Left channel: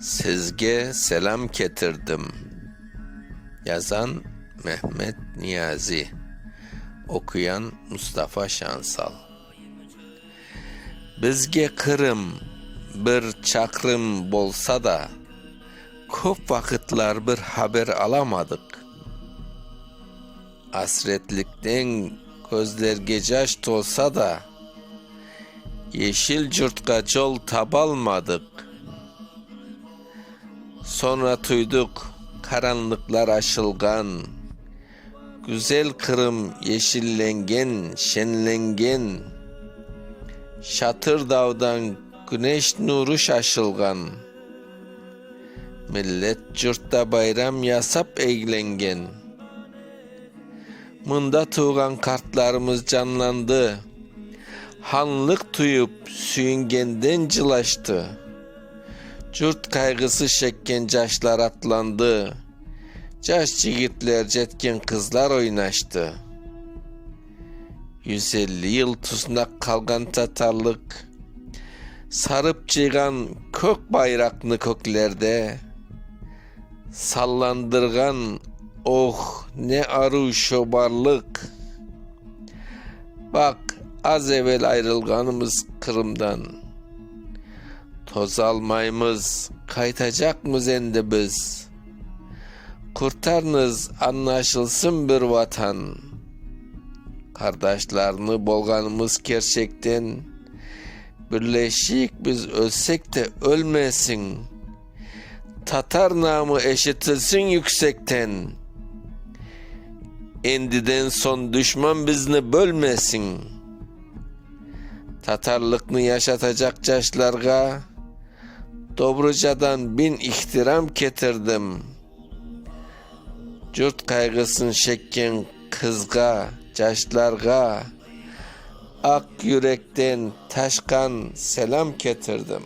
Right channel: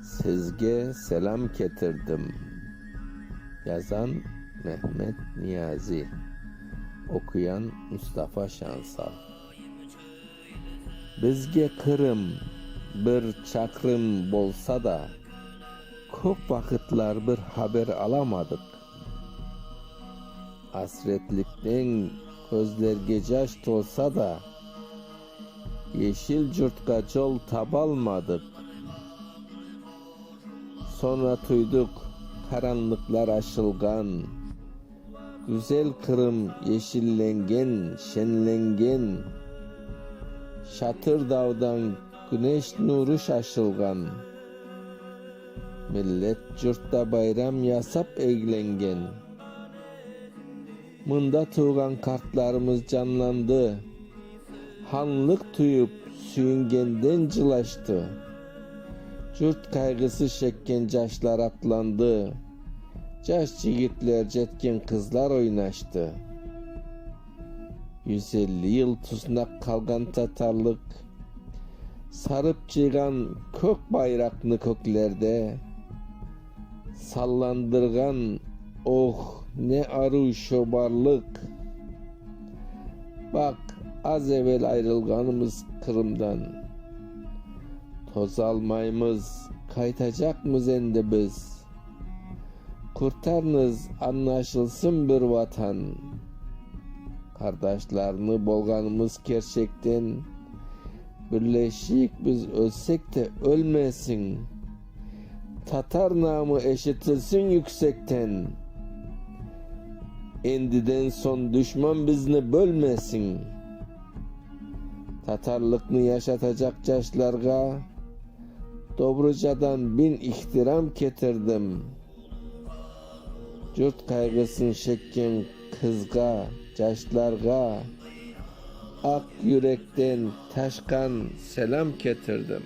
Sizge selam getirdim. Yazan Mehmet Niyazi. Okuyan Mustafa Şansal. Bizge Kırım bir çakrım bolsa da köp vakitler bir haber alamadık. Asretlikten gözlerge jaş tolsa da yeşil yurtka yol tabalmadık. Sonra duyduk karanlıklar aşılgan, güzel Kırım yeşillengen, şenlengen, Şatır dağdan güneş nuru şaşılgan, millet yurtta bayram yasap eğlengen. Mında tuğan kartlarımız canlandı, hanlık tuyup süyüngenden cılaştı. Yurt kaygısı çekken caşlar atlandı, caş yigitler jetken kızlar oynaştı. 150 yıl tuznak kalgan Tatarlık, sarıp cıgan kök bayraklı köklerde, sallandırgan oh ne arı şobarlık. Bak az evvel ayrılganımız Kırım'dan, toz almayımız kaytacakmız endi biz. Kurtarınız anlaşılsın bir vatan. Kardeşlerini bolganımız gerçekten, birleşik biz ölsek de ölmesin. Tatar namı eşitilsin yüksekten. Endiden son düşman bizni bölmesin. Tatarlıkını yaşatacak caşlarga Dobruca'dan 1000 ihtiram getirdim. Yurt kaygısın çekken kızga, caşlarga ak yürekten taşkan selam getirdim.